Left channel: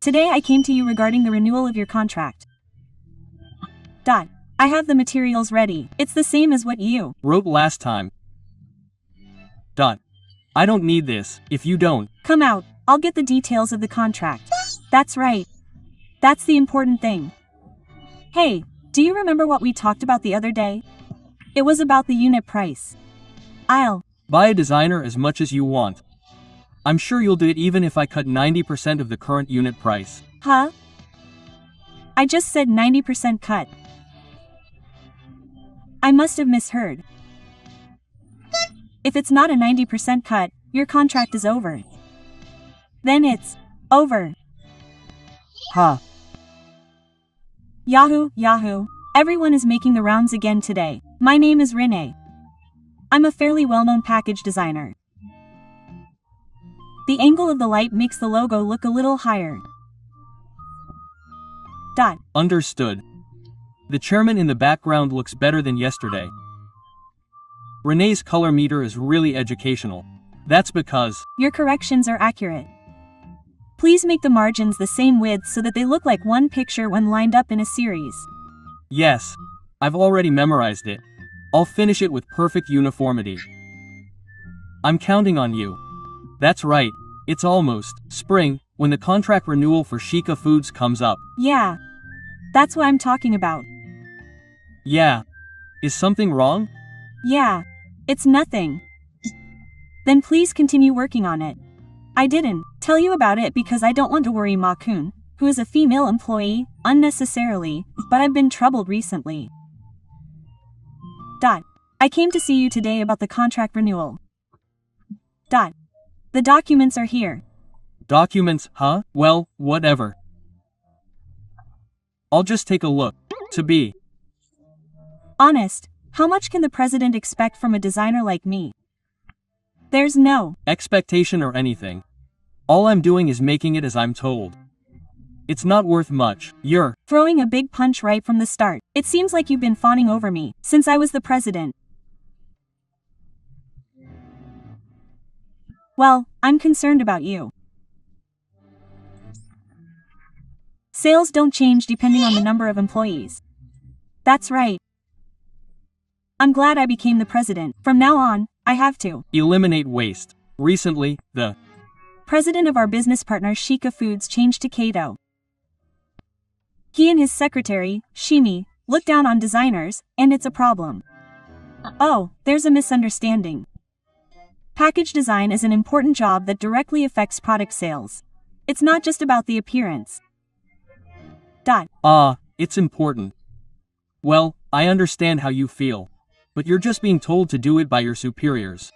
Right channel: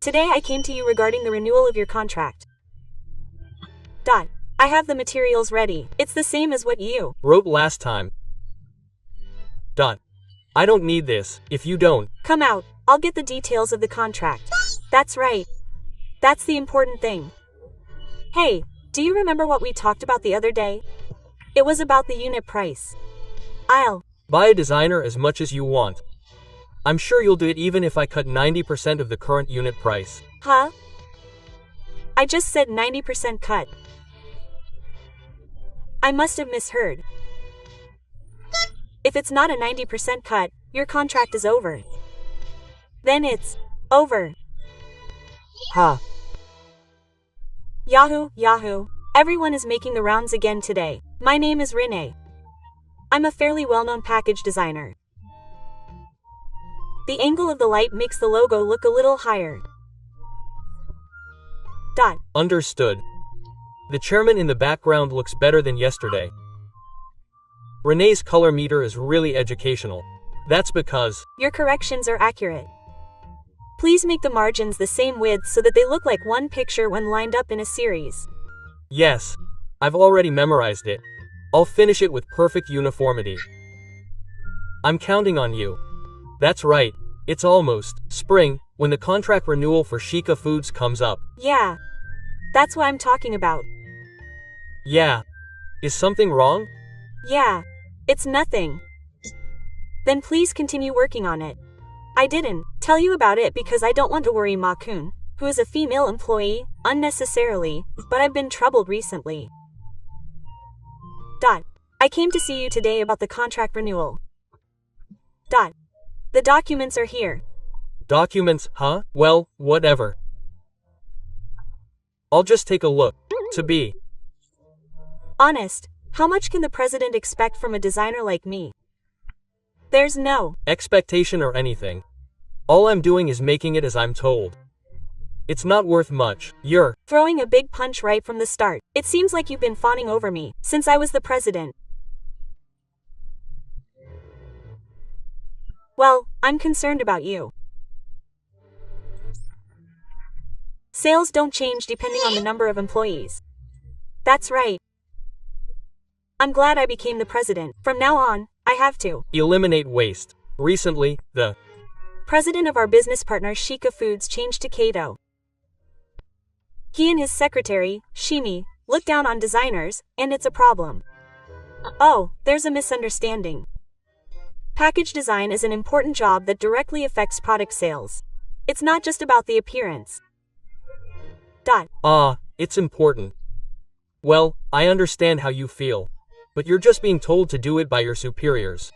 Today I came to you regarding the renewal of your contract. I have the materials ready. It's the same as what you wrote last time. I don't need this. If you don't, come out. I'll get the details of the contract. That's right. That's the important thing. Hey, do you remember what we talked about the other day? It was about the unit price. I'll buy a designer as much as you want. I'm sure you'll do it even if I cut 90% of the current unit price. Huh? I just said 90% cut. I must have misheard. If it's not a 90% cut, your contract is over. Then it's over. Huh. Yahoo! Everyone is making the rounds again today. My name is Renee. I'm a fairly well-known package designer. The angle of the light makes the logo look a little higher. Understood. The chairman in the background looks better than yesterday. Renee's color meter is really educational. That's because your corrections are accurate. Please make the margins the same width so that they look like one picture when lined up in a series. Yes, I've already memorized it. I'll finish it with perfect uniformity. I'm counting on you. That's right, it's almost spring when the contract renewal for Shika Foods comes up. Yeah, that's what I'm talking about. Yeah. Is something wrong? Yeah, it's nothing. Then please continue working on it. I didn't tell you about it because I don't want to worry Ma-kun, who is a female employee, unnecessarily, but I've been troubled recently. I came to see you today about the contract renewal. The documents are here. Documents, huh? Well, whatever. I'll just take a look. To be honest, how much can the president expect from a designer like me? There's no expectation or anything. All I'm doing is making it as I'm told. It's not worth much. You're throwing a big punch right from the start. It seems like you've been fawning over me since I was the president. Well, I'm concerned about you. Sales don't change depending on the number of employees. That's right. I'm glad I became the president. From now on, I have to eliminate waste. Recently, the president of our business partner Shika Foods changed to Kato. He and his secretary, Shimi, look down on designers, and it's a problem. Oh, there's a misunderstanding. Package design is an important job that directly affects product sales. It's not just about the appearance. It's important. Well, I understand how you feel. But you're just being told to do it by your superiors.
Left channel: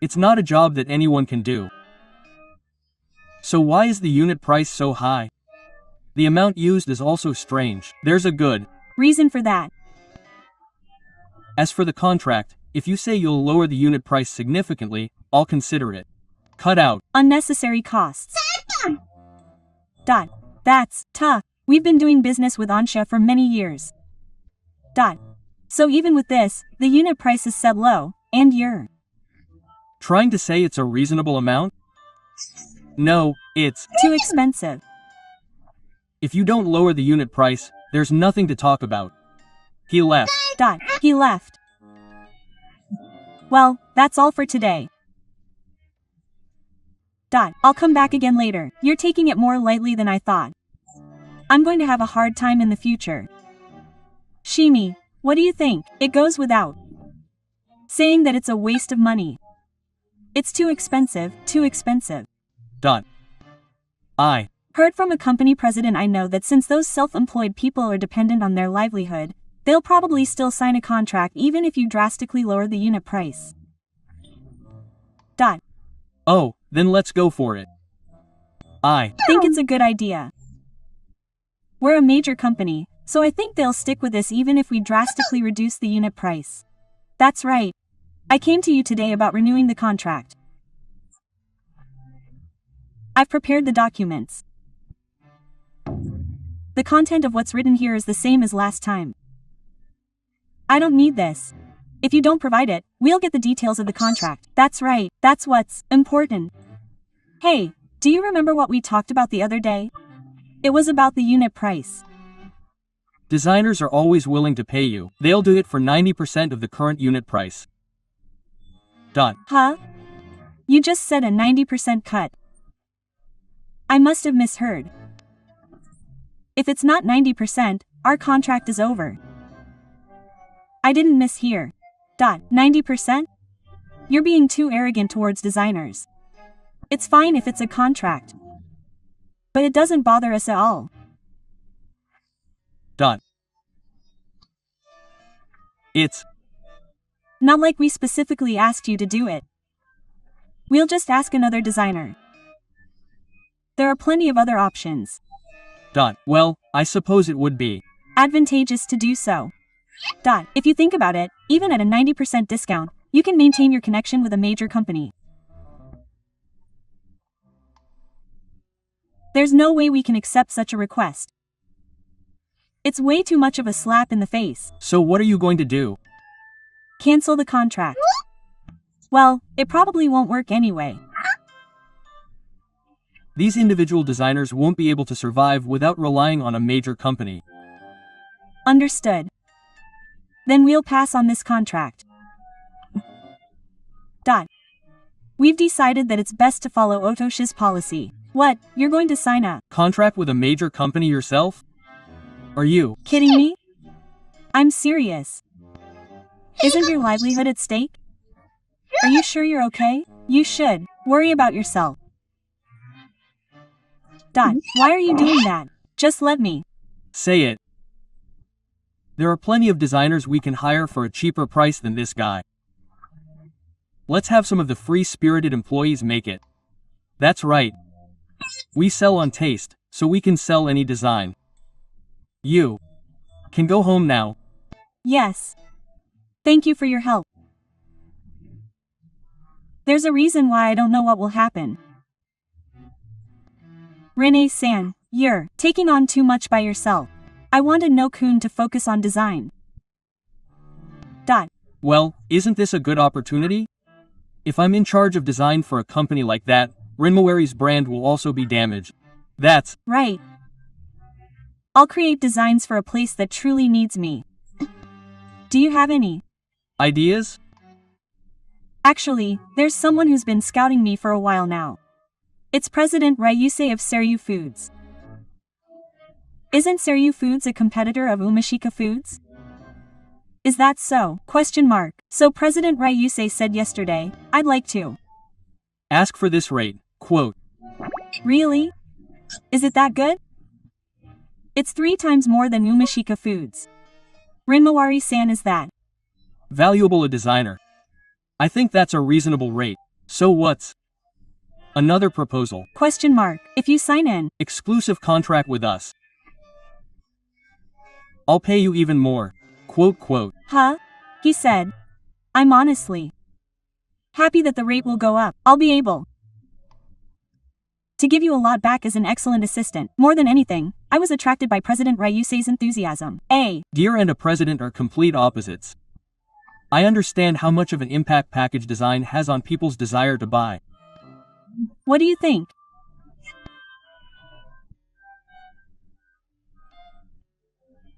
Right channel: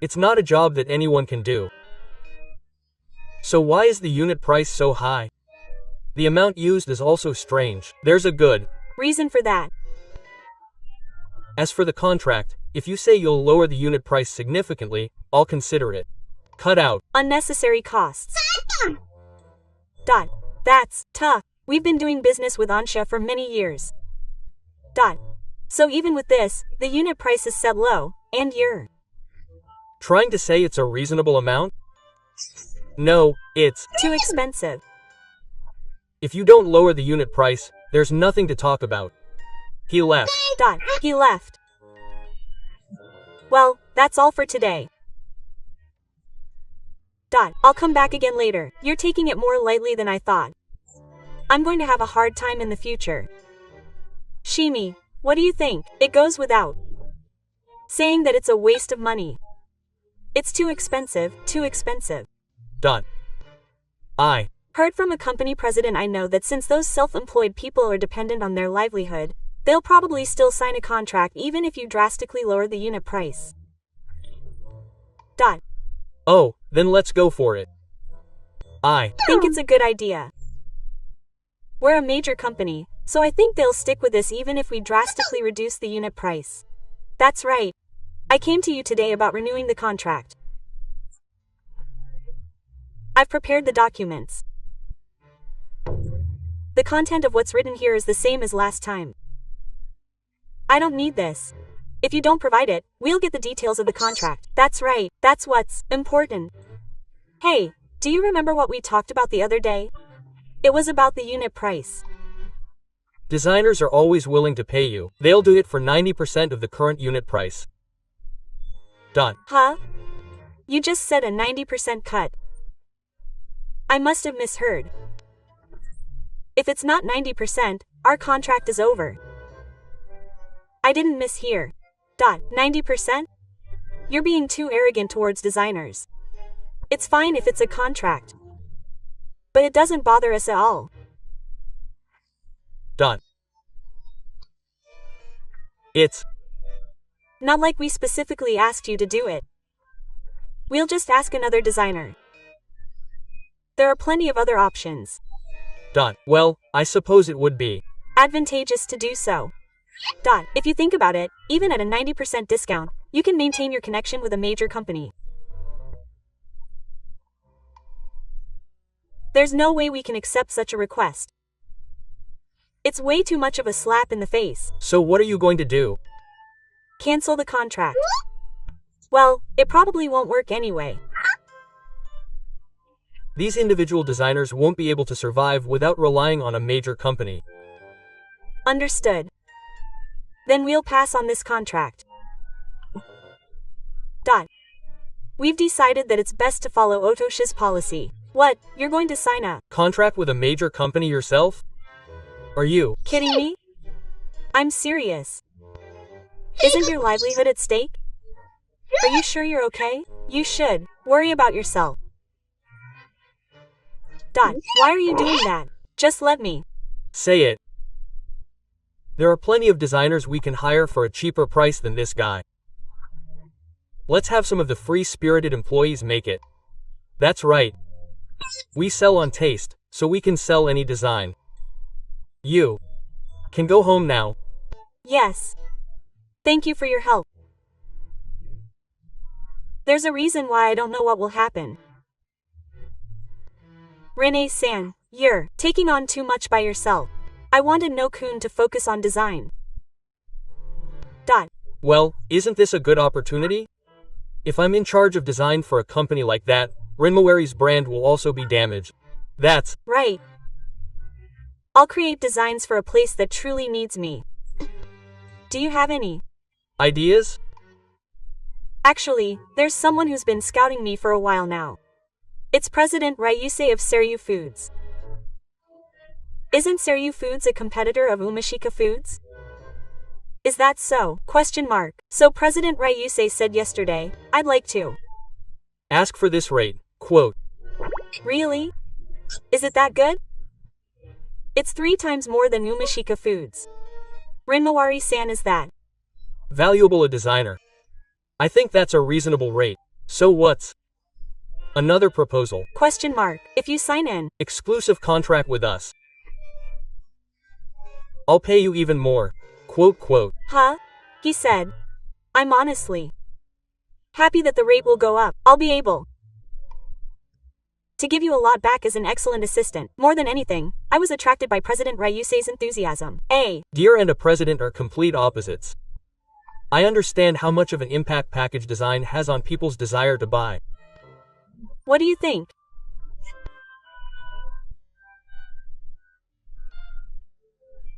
It's not a job that anyone can do. So why is the unit price so high? The amount used is also strange. There's a good reason for that. As for the contract, if you say you'll lower the unit price significantly, I'll consider it. Cut out unnecessary costs. That's tough. We've been doing business with Ansha for many years. So even with this, the unit price is set low, and you're trying to say it's a reasonable amount? No, it's too expensive. If you don't lower the unit price, there's nothing to talk about. He left. He left. Well, that's all for today. I'll come back again later. You're taking it more lightly than I thought. I'm going to have a hard time in the future. Shimi, what do you think? It goes without saying that it's a waste of money. It's too expensive, too expensive. I heard from a company president I know that since those self-employed people are dependent on their livelihood, they'll probably still sign a contract even if you drastically lower the unit price. Oh, then let's go for it. I think it's a good idea. We're a major company, so I think they'll stick with this even if we drastically reduce the unit price. That's right. I came to you today about renewing the contract. I've prepared the documents. The content of what's written here is the same as last time. I don't need this. If you don't provide it, we'll get the details of the contract. That's right, that's what's important. Hey, do you remember what we talked about the other day? It was about the unit price. Designers are always willing to pay you. They'll do it for 90% of the current unit price. Done. Huh? You just said a 90% cut. I must have misheard. If it's not 90%, our contract is over. I didn't mishear. 90%? You're being too arrogant towards designers. It's fine if it's a contract. But it doesn't bother us at all. Done. It's not like we specifically asked you to do it. We'll just ask another designer. There are plenty of other options. done. Well, I suppose it would be advantageous to do so. If you think about it, even at a 90% discount, you can maintain your connection with a major company. There's no way we can accept such a request. It's way too much of a slap in the face. So what are you going to do? Cancel the contract. Well, it probably won't work anyway. These individual designers won't be able to survive without relying on a major company. Understood. Then we'll pass on this contract. We've decided that it's best to follow Otoshi's policy. What, you're going to sign a contract with a major company yourself? Are you kidding me? I'm serious. Isn't your livelihood at stake? Are you sure you're okay? You should worry about yourself. Why are you doing that? Just let me say it. There are plenty of designers we can hire for a cheaper price than this guy. Let's have some of the free-spirited employees make it. That's right. We sell on taste, so we can sell any design. You can go home now. Yes. Thank you for your help. There's a reason why I don't know what will happen. Renee-san, you're taking on too much by yourself. I wanted No-kun to focus on design. Well, isn't this a good opportunity? If I'm in charge of design for a company like that, Rinmawari's brand will also be damaged. That's right. I'll create designs for a place that truly needs me. Do you have any ideas? Actually, there's someone who's been scouting me for a while now. It's President Ryusei of Seryu Foods. Isn't Seryu Foods a competitor of Umashika Foods? Is that so? So President Ryusei said yesterday, I'd like to ask for this rate, quote. Really? Is it that good? It's 3 times more than Umashika Foods. Rinmawari-san is that valuable a designer. I think that's a reasonable rate. So what's another proposal? If you sign an exclusive contract with us, I'll pay you even more. Quote. Huh? He said. I'm honestly happy that the rate will go up. I'll be able to give you a lot back as an excellent assistant. More than anything, I was attracted by President Ryusei's enthusiasm. Dear and a president are complete opposites. I understand how much of an impact package design has on people's desire to buy. What do you think?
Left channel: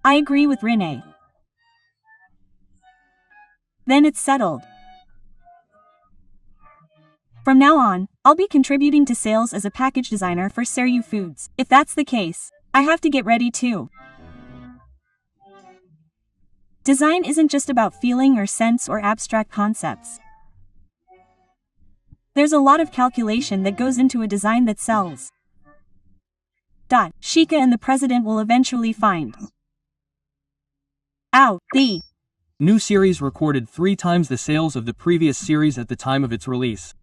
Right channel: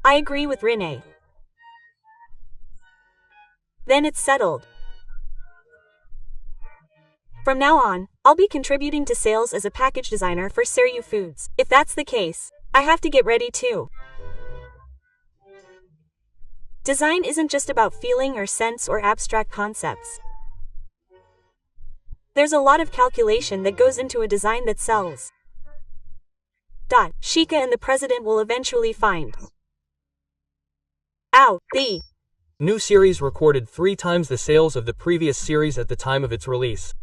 I agree with Renee. Then it's settled. From now on, I'll be contributing to sales as a package designer for Seryu Foods. If that's the case, I have to get ready too. Design isn't just about feeling or sense or abstract concepts. There's a lot of calculation that goes into a design that sells. Shika and the president will eventually find out the new series recorded 3 times the sales of the previous series at the time of its release.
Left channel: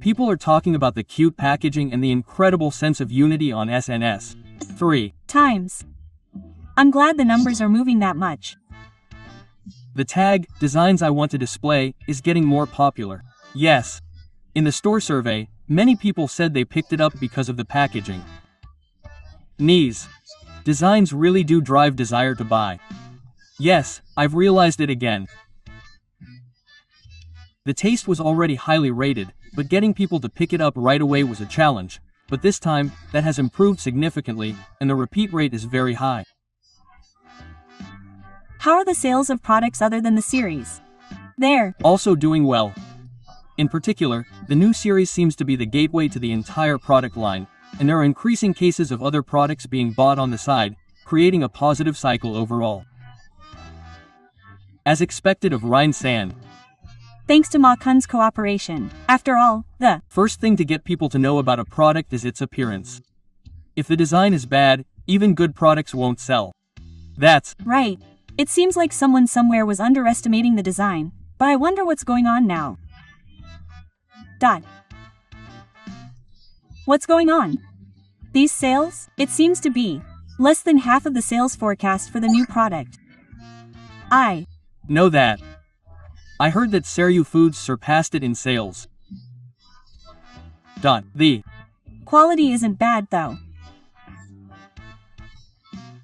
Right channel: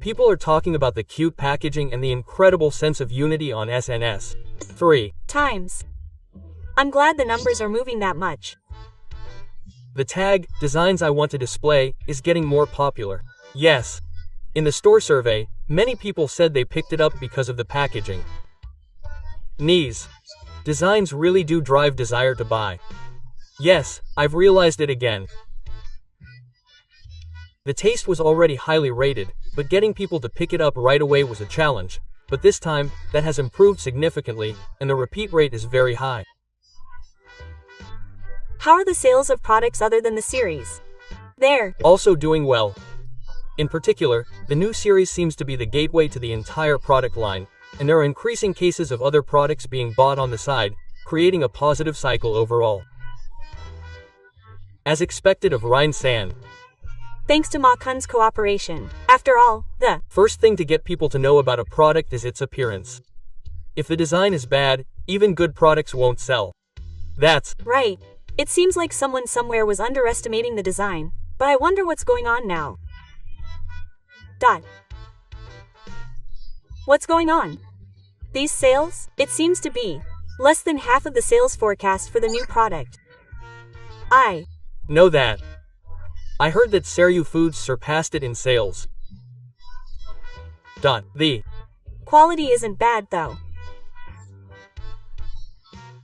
People are talking about the cute packaging and the incredible sense of unity on SNS. 3 times. I'm glad the numbers are moving that much. The tag, designs I want to display, is getting more popular. Yes. In the store survey, many people said they picked it up because of the packaging. Knees. Designs really do drive desire to buy. Yes, I've realized it again. The taste was already highly rated, but getting people to pick it up right away was a challenge. But this time, that has improved significantly, and the repeat rate is very high. How are the sales of products other than the series? They're Also doing well. In particular, the new series seems to be the gateway to the entire product line, and there are increasing cases of other products being bought on the side, creating a positive cycle overall. As expected of Rhine San. thanks to Ma Kun's cooperation. After all, the First thing to get people to know about a product is its appearance. If the design is bad, even good products won't sell. That's right. It seems like someone somewhere was underestimating the design, but I wonder what's going on now. What's going on? These sales? It seems to be less than half of the sales forecast for the new product. I know that. I heard that Seryu Foods surpassed it in sales. The quality isn't bad though.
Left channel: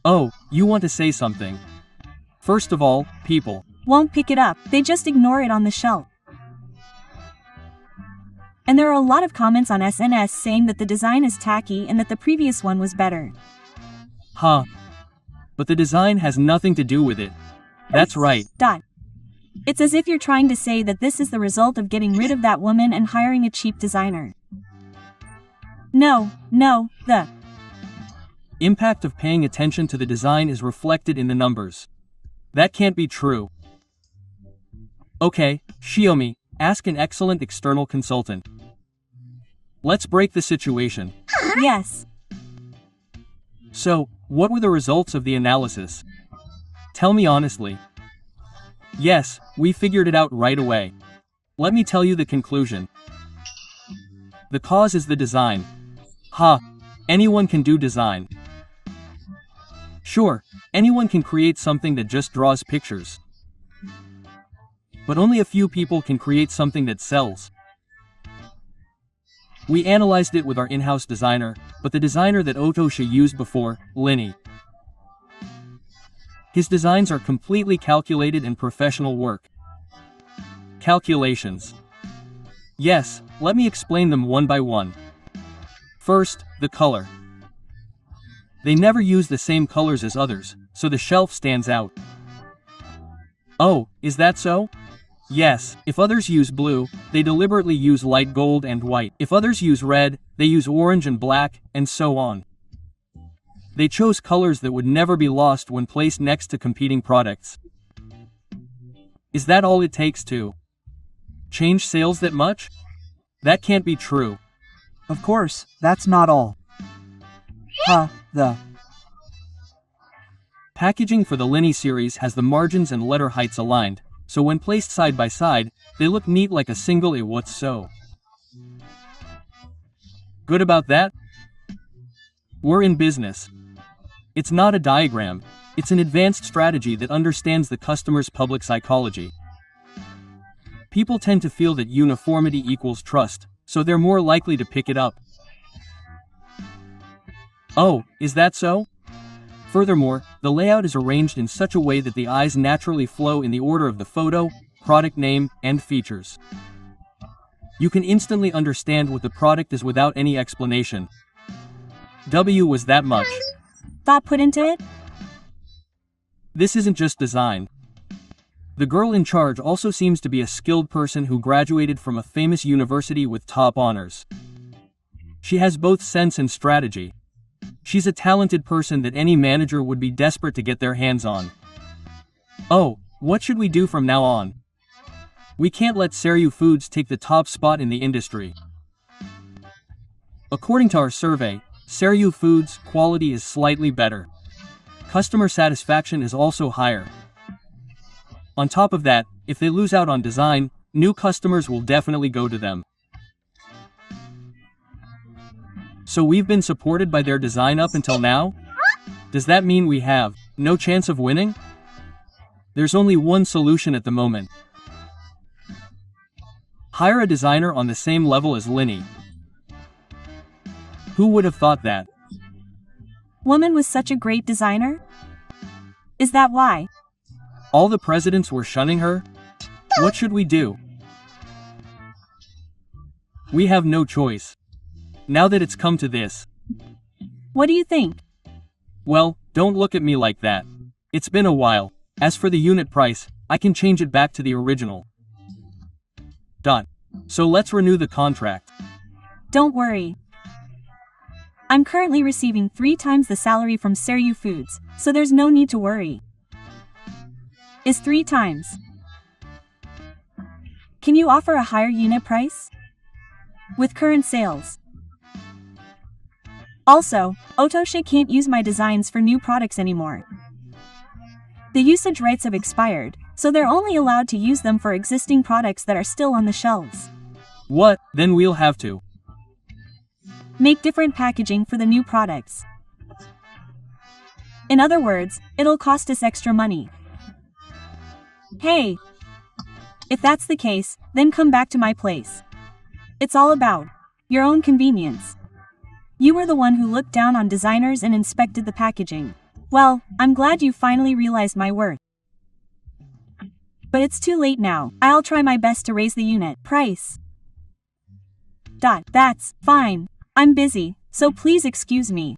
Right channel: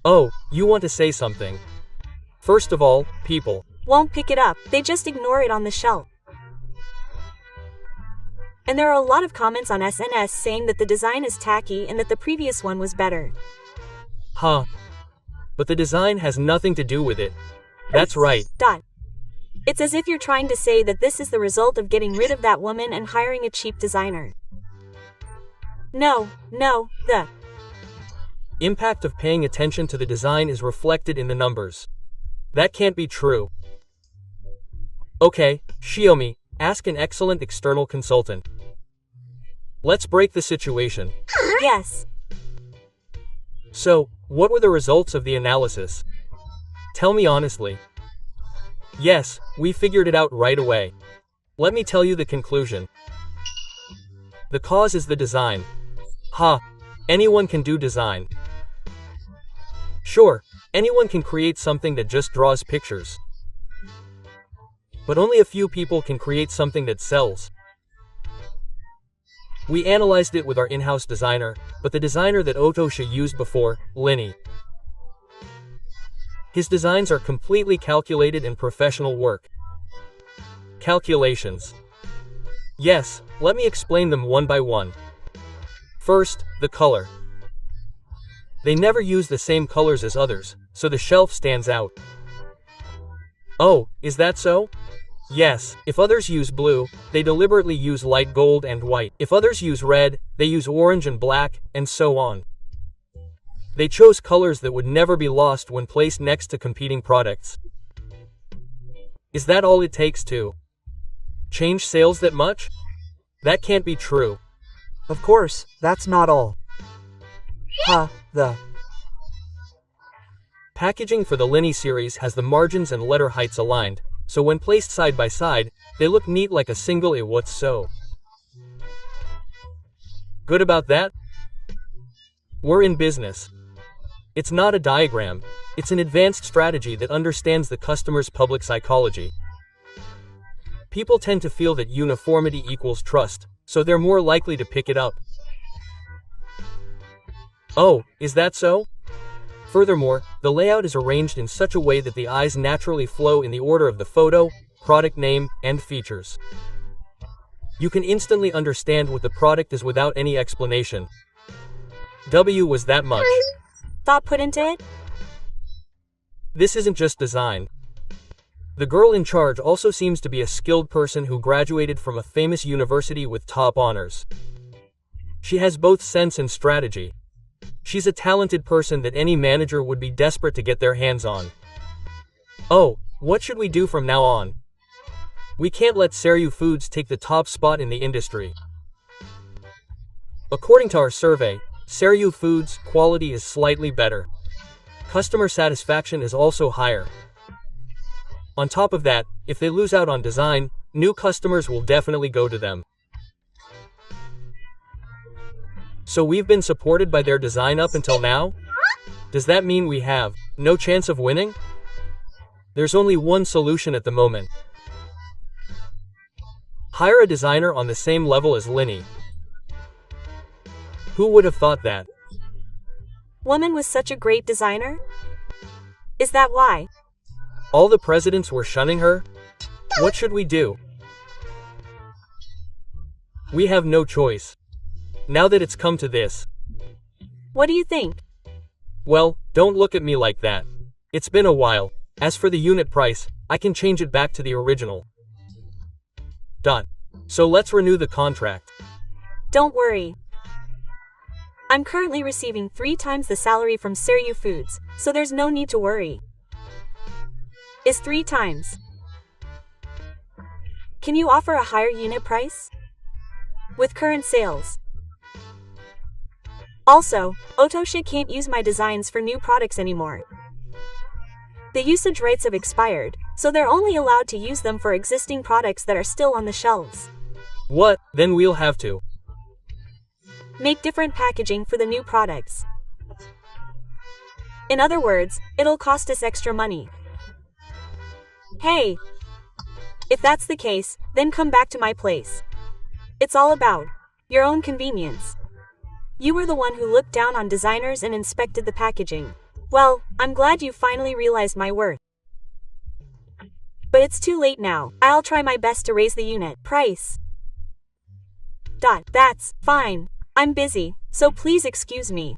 Oh, you want to say something? First of all, people won't pick it up, they just ignore it on the shelf. And there are a lot of comments on SNS saying that the design is tacky and that the previous one was better. Huh. But the design has nothing to do with it. That's right. It's as if you're trying to say that this is the result of getting rid of that woman and hiring a cheap designer. No, the impact of paying attention to the design is reflected in the numbers. That can't be true. Okay, Xiaomi, ask an excellent external consultant. Let's break the situation. Yes. So, what were the results of the analysis? Tell me honestly. Yes, we figured it out right away. Let me tell you the conclusion. The cause is the design. Anyone can do design. Sure, anyone can create something that just draws pictures. But only a few people can create something that sells. We analyzed it with our in-house designer, but the designer that Otosha used before, Linny. His designs are completely calculated and professional work. Calculations. Yes, let me explain them one by one. First, the color. They never use the same colors as others, so the shelf stands out. Oh, is that so? Yes, if others use blue, they deliberately use light gold and white. If others use red, they use orange and black, and so on. They chose colors that would never be lost when placed next to competing products. Is that all it takes to change sales that much? That can't be true. Of course, that's not all. The packaging for the Linny series has the margins and letter heights aligned, so when placed side by side, they look neat like a single what's so good about that? We're in business. It's not a diagram, it's an advanced strategy that understands the customer's public psychology. People tend to feel that uniformity equals trust, so they're more likely to pick it up. Oh, is that so? Furthermore, the layout is arranged in such a way that the eyes naturally flow in the order of the photo, product name, and features. You can instantly understand what the product is without any explanation. Was that much thought put into it? This isn't just design. The girl in charge also seems to be a skilled person who graduated from a famous university with top honors. She has both sense and strategy. She's a talented person that any manager would be desperate to get their hands on. Oh, what should we do from now on? We can't let Seryu Foods take the top spot in the industry. According to our survey, Seryu Foods' quality is slightly better. Customer satisfaction is also higher. On top of that, if they lose out on design, new customers will definitely go to them. So we've been supported by their design up until now? Does that mean we have no chance of winning? There's only one solution at the moment. Hire a designer on the same level as Linny. Who would have thought that? Woman was such a great designer? Is that why? All the presidents were shunning her? What should we do? We have no choice. Now that it's come to this. What do you think? Well, don't look at me like that. It's been a while. As for the unit price, I can change it back to the original. So let's renew the contract. Don't worry. I'm currently receiving 3 times the salary from Seryu Foods, so there's no need to worry. Is 3 times. Can you offer a higher unit price? With current sales. Also, Otosha can't use my designs for new products anymore. The usage rights have expired, so they're only allowed to use them for existing products that are still on the shelves. What? Then we'll have to make different packaging for the new products. In other words, it'll cost us extra money. Hey! If that's the case, then come back to my place. It's all about your own convenience. You were the one who looked down on designers and inspected the packaging. Well, I'm glad you finally realized my worth. But it's too late now. I'll try my best to raise the unit price. That's fine. I'm busy, so please excuse me.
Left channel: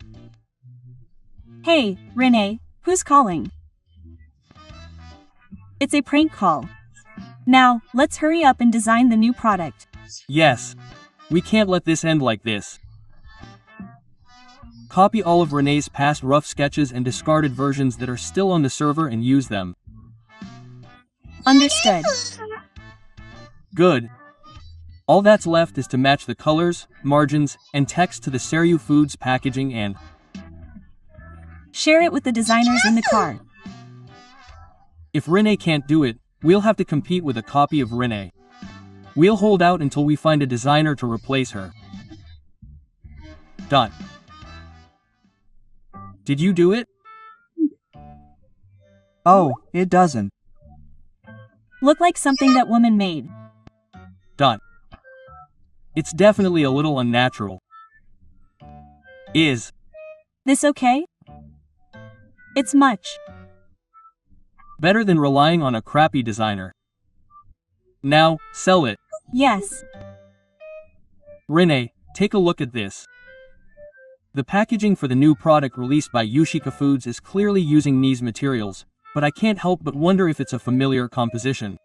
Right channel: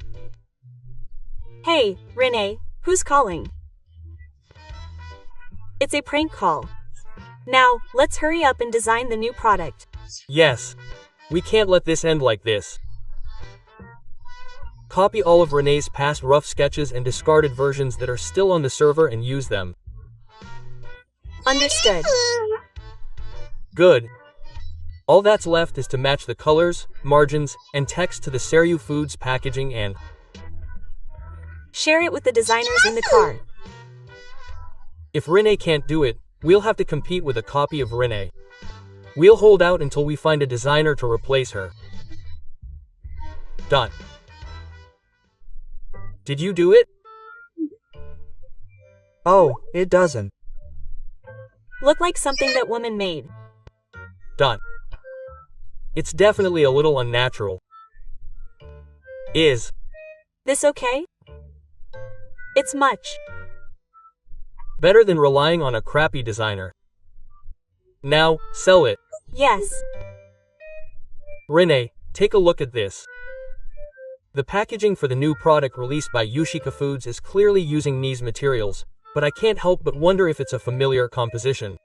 Hey, Renee, who's calling? It's a prank call. Now, let's hurry up and design the new product. Yes. We can't let this end like this. Copy all of Renee's past rough sketches and discarded versions that are still on the server and use them. Understood. Good. All that's left is to match the colors, margins, and text to the Seryu Foods packaging and share it with the designers in the car. If Renee can't do it, we'll have to compete with a copy of Renee. We'll hold out until we find a designer to replace her. Did you do it? Oh, it doesn't. Look like something that woman made. It's definitely a little unnatural. Is this okay? It's much better than relying on a crappy designer. Now, sell it. Yes. Renee, take a look at this. The packaging for the new product released by Yushika Foods is clearly using these materials, but I can't help but wonder if it's a familiar composition.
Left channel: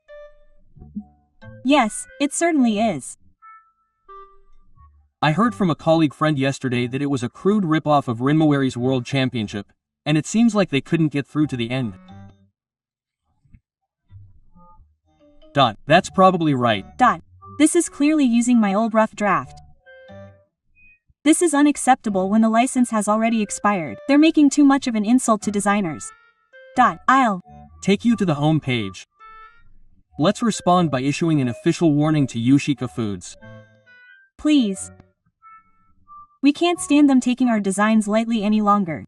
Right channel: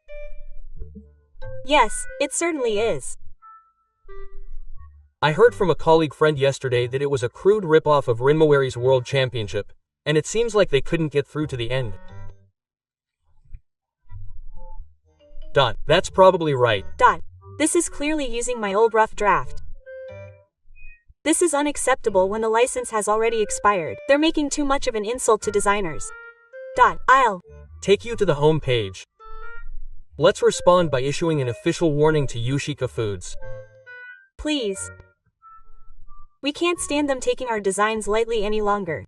Yes, it certainly is. I heard from a colleague friend yesterday that it was a crude ripoff of Rinmawari's World Championship, and it seems like they couldn't get through to the end. That's probably right. This is clearly using my old rough draft. This is unacceptable when the license has already expired. They're making too much of an insult to designers. I'll take you to the home page. Let's respond by issuing an official warning to Yushika Foods. Please. We can't stand them taking our designs lightly any longer.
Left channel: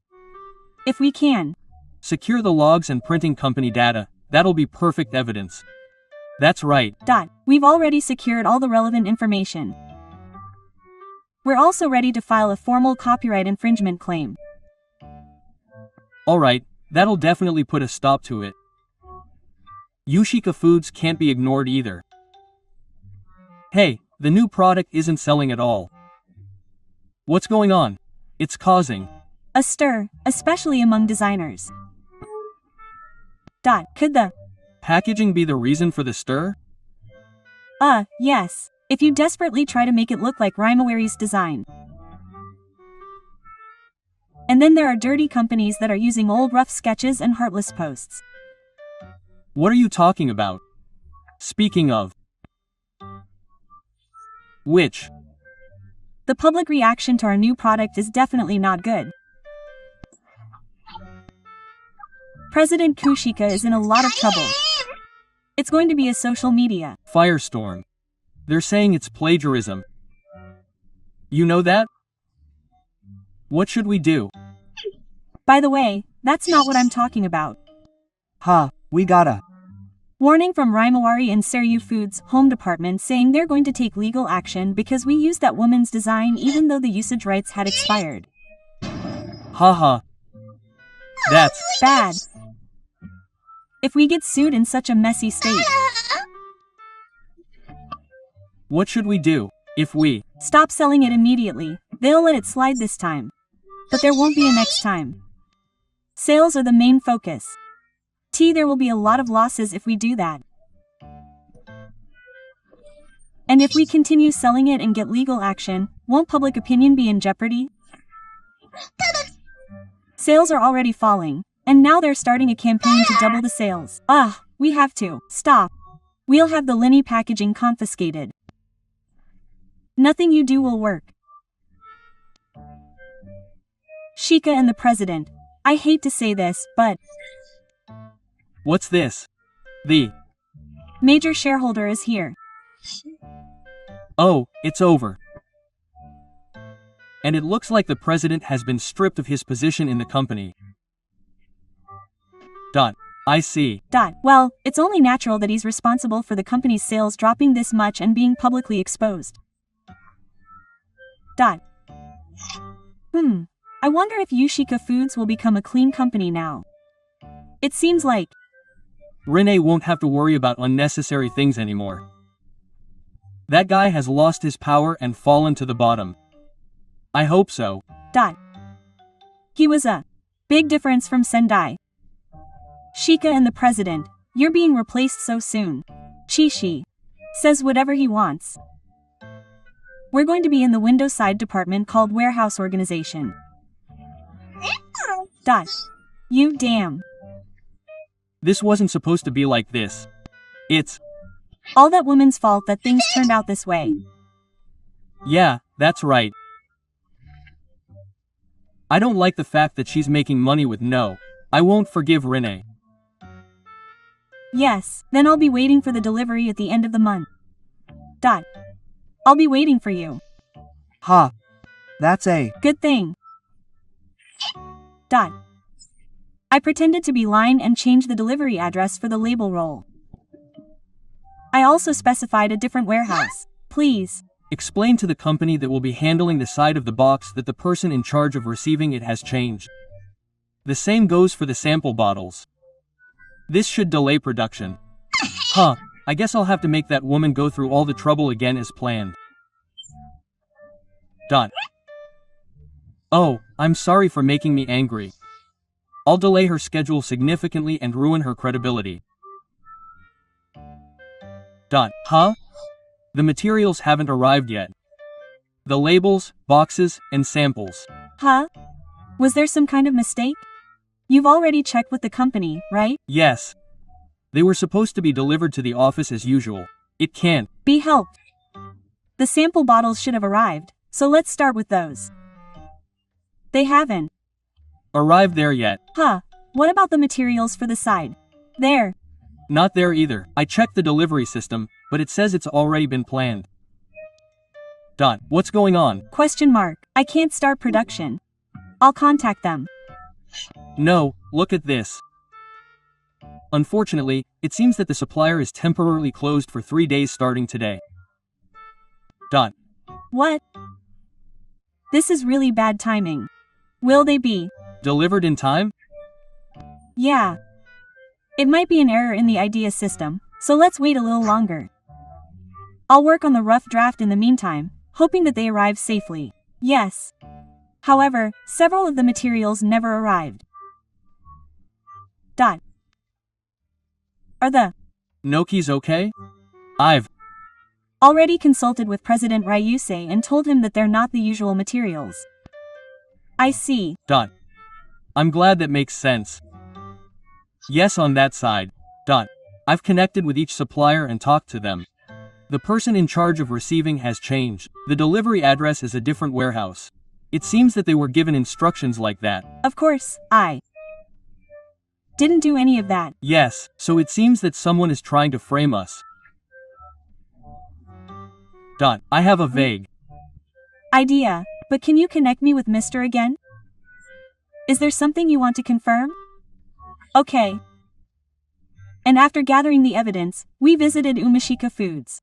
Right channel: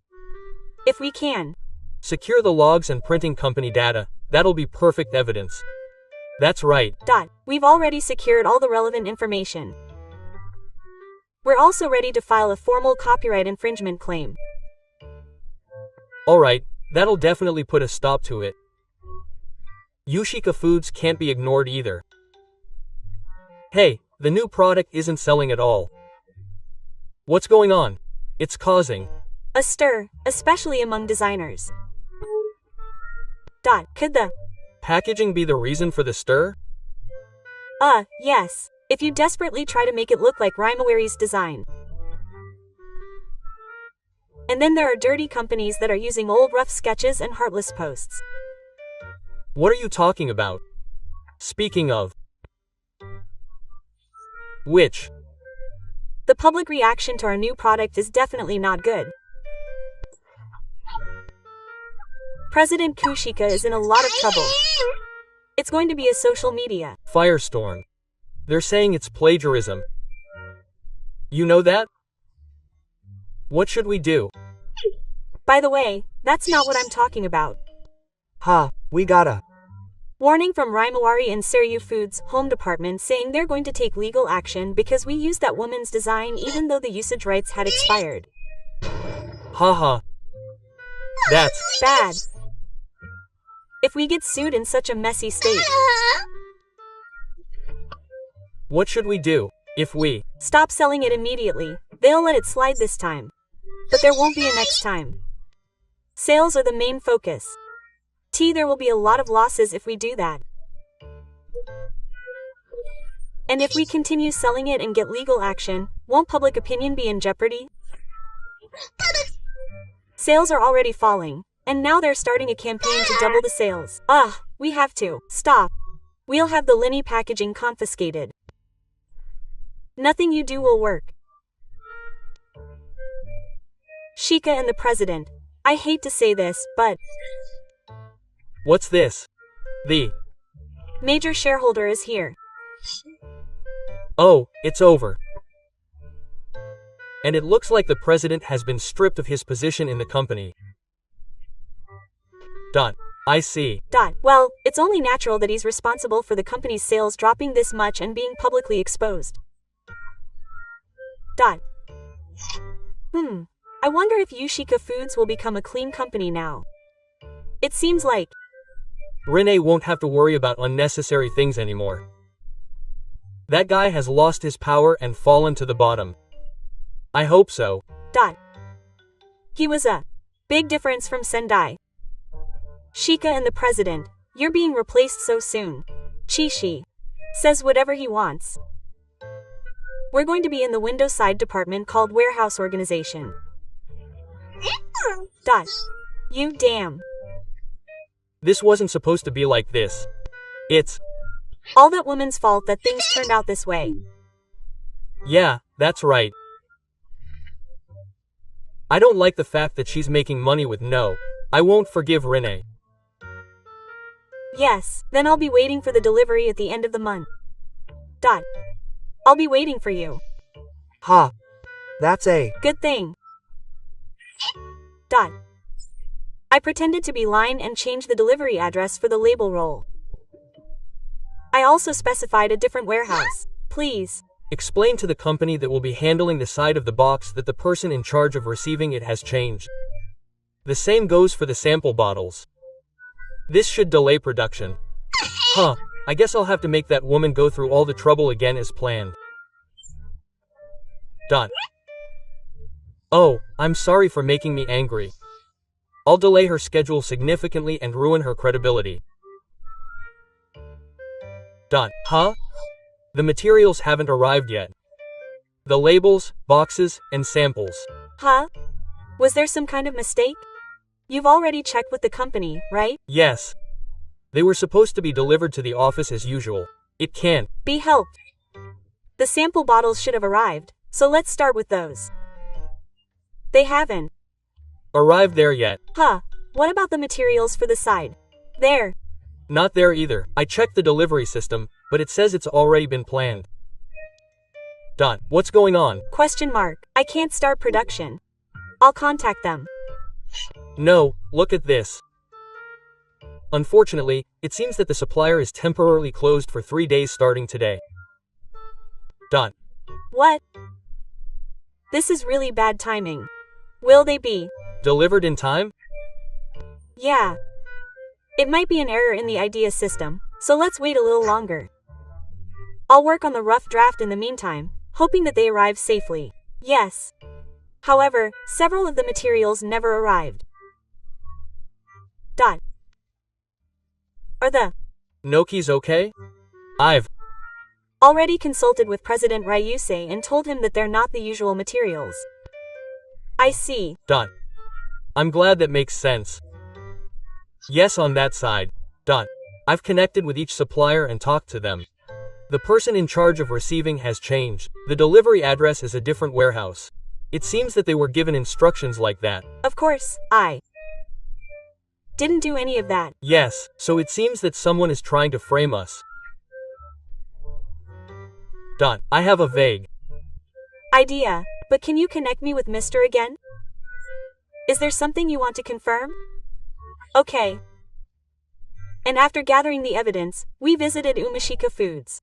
If we can secure the logs and printing company data, that'll be perfect evidence. That's right. We've already secured all the relevant information. We're also ready to file a formal copyright infringement claim. Alright, that'll definitely put a stop to it. Yushika Foods can't be ignored either. Hey, the new product isn't selling at all. What's going on? It's causing a stir, especially among designers. Could the packaging be the reason for the stir? Yes. If you desperately try to make it look like Rimawari's design. And then there are dirty companies that are using old rough sketches and heartless posts. What are you talking about? Speaking of which, the public reaction to our new product is definitely not good. President Kushika is in a lot of trouble. It's going to be a social media firestorm. They're saying it's plagiarism. You know that? What should we do? By the way, that's not what I'm talking about. We gotta. Warning from Rimawari and Seryu Foods' home department saying they're going to take legal action because we used that woman's design even though the usage rights had expired. That's bad. If we get sued in such a messy state. What should we do? If we stop selling it immediately, they'll let it slide this time. But there won't be a next time. Sales are the main focus. There will be a lot of losses if we do that. And if we continue selling it and get legal action, won't public opinion be in jeopardy? Sales are already falling, and now they're starting a campaign to double the sales. We have to stop. We'll have the Lenny packaging confiscated. Nothing you do will work. Shika and the president. I hate to say this, but what's this? The major shareholder is here. Oh, it's over. And it looks like the president has been stripped of his position in the company. I see. Well, it's only natural that he's responsible for the company's sales dropping this much and being publicly exposed. I wonder if Yushika Foods will become a clean company now. It seems like Rene won't have to worry about unnecessary things anymore. That guy has lost his power and fallen to the bottom. I hope so. He was a big difference from Sendai. Shika and the president, you're being replaced so soon. Chishi says whatever he wants. We're going to be in the window side department called warehouse organization. You damn. This wasn't supposed to be like this. It's all that woman's fault that things turned out this way. Yeah, that's right. I don't like the fact that she's making money with no. I won't forgive Rene. Yes, then I'll be waiting for the delivery at the end of the month. I'll be waiting for you. That's a good thing. I pretended to be lying and changed the delivery address for the label roll. I also specified a different warehouse. Please explain to the company that will be handling the side of the box that the person in charge of receiving it has changed. The same goes for the sample bottles. This should delay production. I guess I'll have to make that woman go through all the trouble again as planned. Oh, I'm sorry for making me angry. I'll delay her schedule significantly and ruin her credibility. The materials haven't arrived yet. The labels, boxes, and samples. Was there some kind of mistake? You've already checked with the company, right? Yes. They were supposed to be delivered to the office as usual. It can't be helped. The sample bottles should have arrived, so let's start with those. They haven't arrived there yet. What about the materials for the side? There. Not there either. I checked the delivery system, but it says it's already been planned. What's going on? Question mark. I can't start production. I'll contact them. No, look at this. Unfortunately, it seems that the supplier is temporarily closed for 3 days starting today. What? This is really bad timing. Will they be delivered in time? Yeah. It might be an error in the idea system, so let's wait a little longer. I'll work on the rough draft in the meantime, hoping that they arrive safely. Yes. However, several of the materials never arrived. Are the Noki's okay? I've already consulted with President Ryusei and told him that they're not the usual materials. I see. I'm glad that makes sense. Yes, on that side. I've connected with each supplier and talked to them. The person in charge of receiving has changed. The delivery address is a different warehouse. It seems that they were given instructions like that. Of course, I didn't do any of that. Yes, so it seems that someone is trying to frame us. I have a vague idea, but can you connect me with Mr. again? Is there something you want to confirm? Okay. And after gathering the evidence, we visited Umashika Foods.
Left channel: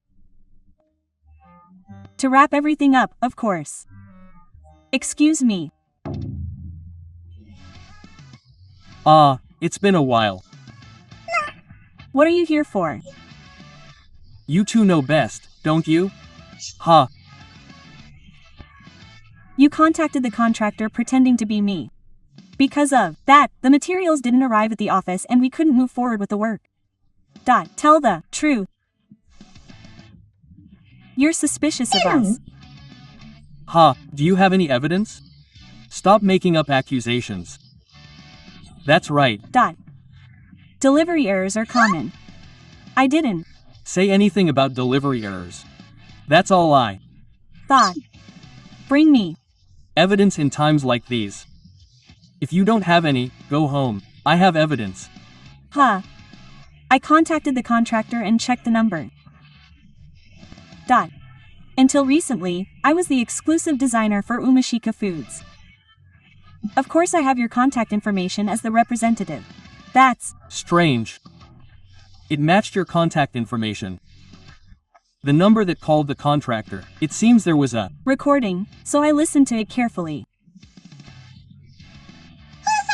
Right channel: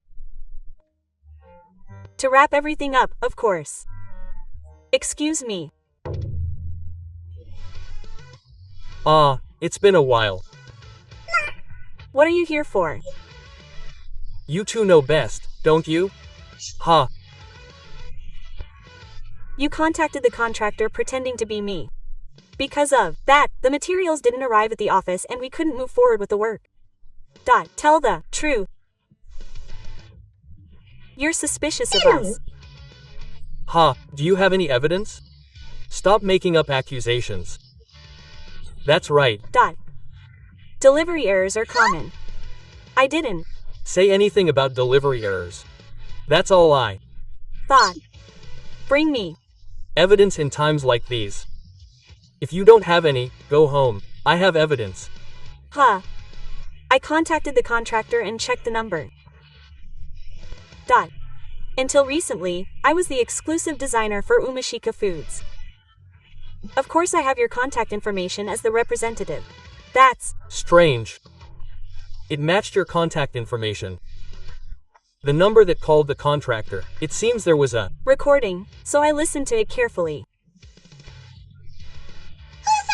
To wrap everything up, of course. Excuse me. It's been a while. What are you here for? You two know best, don't you? You contacted the contractor pretending to be me. Because of that, the materials didn't arrive at the office and we couldn't move forward with the work. Tell the truth. You're suspicious of us. Do you have any evidence? Stop making up accusations. That's right. Delivery errors are common. I didn't say anything about delivery errors. That's all I thought. Bring me evidence in times like these. If you don't have any, go home. I have evidence. I contacted the contractor and checked the number. Until recently, I was the exclusive designer for Umashika Foods. Of course I have your contact information as the representative. That's strange. It matched your contact information. The number that called the contractor. It seems there was a recording, so I listened to it carefully.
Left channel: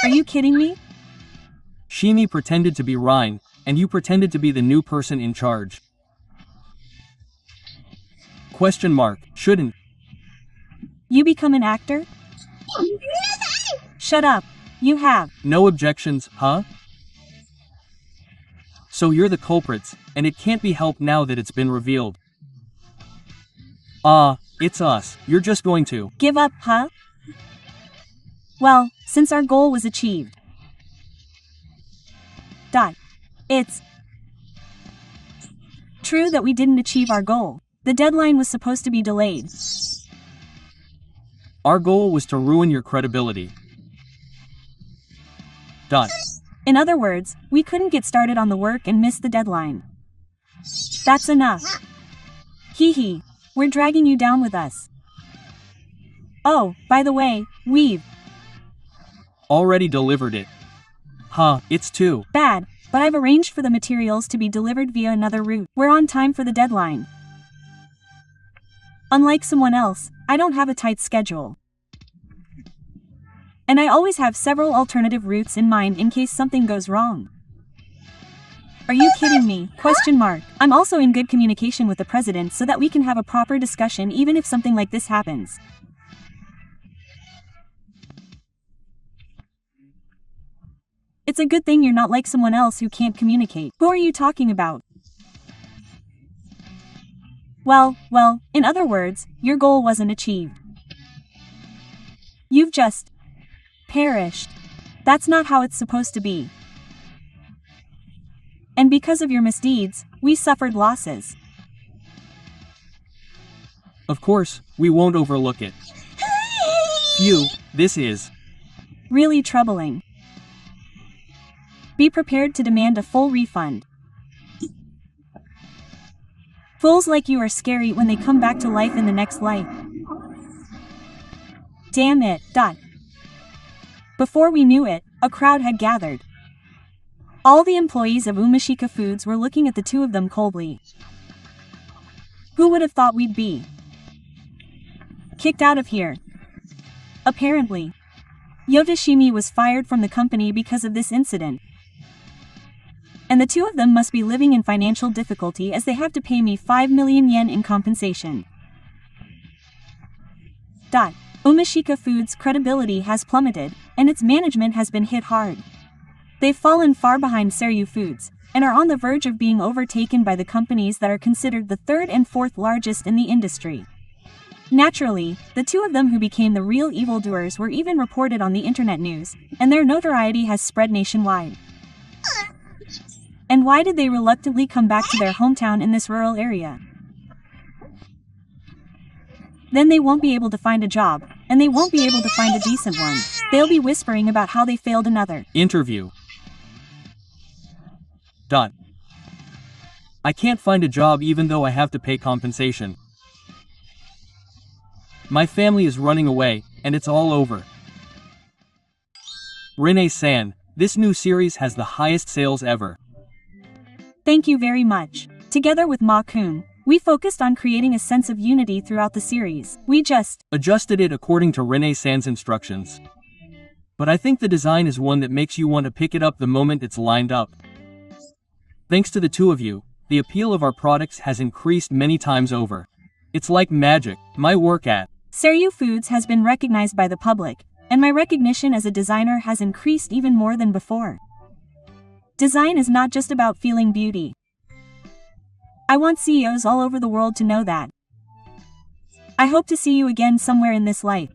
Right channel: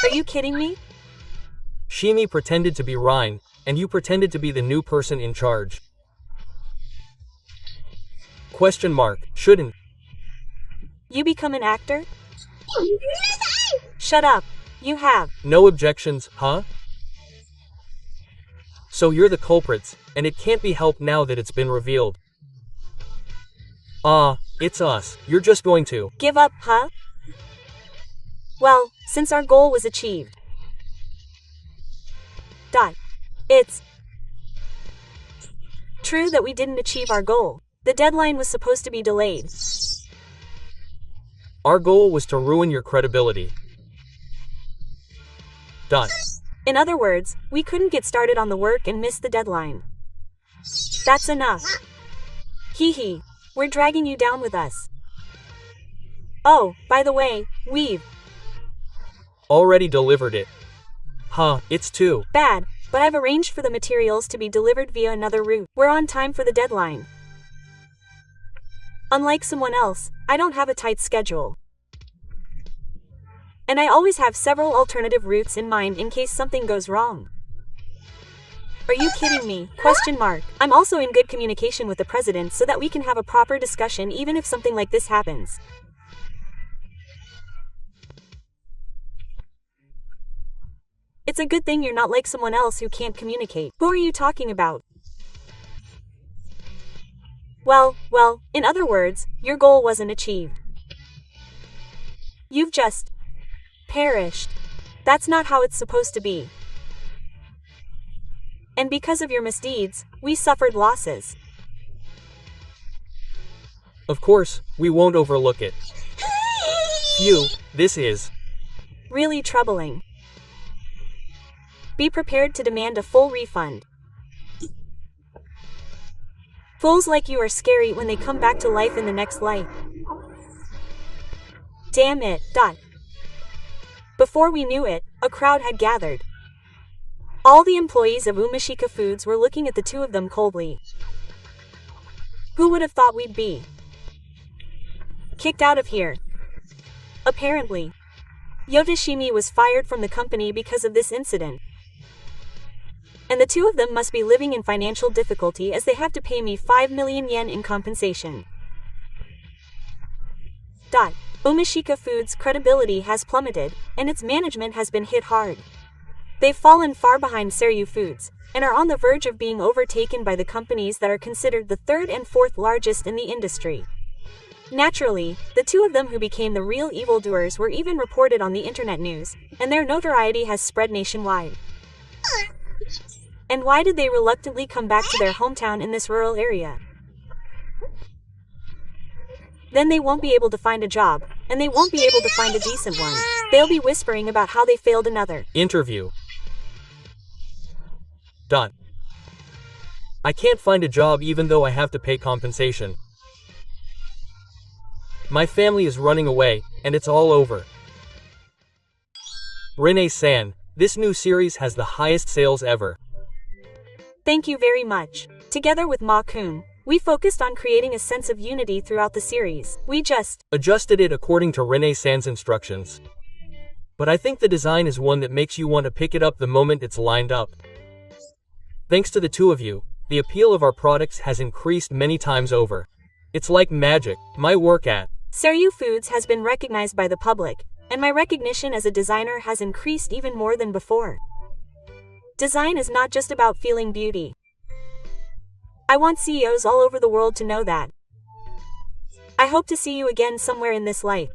Are you kidding me? Shimi pretended to be Ryan, and you pretended to be the new person in charge. Question mark. Shouldn't you become an actor? Shut up. You have no objections, So you're the culprits, and it can't be helped now that it's been revealed. It's us. You're just going to give up, Well, since our goal was achieved. It's true that we didn't achieve our goal. The deadline was supposed to be delayed. Our goal was to ruin your credibility. In other words, we couldn't get started on the work and miss the deadline. That's enough. Hee. We're dragging you down with us. Oh, by the way, we've already delivered it. It's too bad, but I've arranged for the materials to be delivered via another route. We're on time for the deadline. Unlike someone else, I don't have a tight schedule. And I always have several alternative routes in mind in case something goes wrong. Are you kidding me? I'm also in good communication with the president so that we can have a proper discussion even if something like this happens. It's a good thing you're not like someone else who can't communicate. Who are you talking about? Well, in other words, your goal wasn't achieved. You've just perished. That's not how it's supposed to be. And because of your misdeeds, we suffered losses. Of course, we won't overlook it. Phew, this is really troubling. Be prepared to demand a full refund. Fools like you are scary when they come back to life in the next life. Damn it. Before we knew it, a crowd had gathered. All the employees of Umashika Foods were looking at the two of them coldly. Who would have thought we'd be kicked out of here? Apparently, Yoshimi was fired from the company because of this incident. And the two of them must be living in financial difficulty as they have to pay me 5 million yen in compensation. Umashika Foods' credibility has plummeted, and its management has been hit hard. They've fallen far behind Seryu Foods, and are on the verge of being overtaken by the companies that are considered the third and fourth largest in the industry. Naturally, the two of them who became the real evildoers were even reported on the internet news, and their notoriety has spread nationwide. And why did they reluctantly come back to their hometown in this rural area? Then they won't be able to find a job, and they won't be able to find a decent one. They'll be whispering about how they failed another interview. I can't find a job even though I have to pay compensation. My family is running away, and it's all over. Rene-san, this new series has the highest sales ever. Thank you very much. Together with Ma-kun, we focused on creating a sense of unity throughout the series. We just adjusted it according to Rene-san's instructions. But I think the design is one that makes you want to pick it up the moment it's lined up. Thanks to the two of you, the appeal of our products has increased many times over. It's like magic. My work at Seryu Foods has been recognized by the public, and my recognition as a designer has increased even more than before. Design is not just about feeling beauty. I want CEOs all over the world to know that. I hope to see you again somewhere in this life.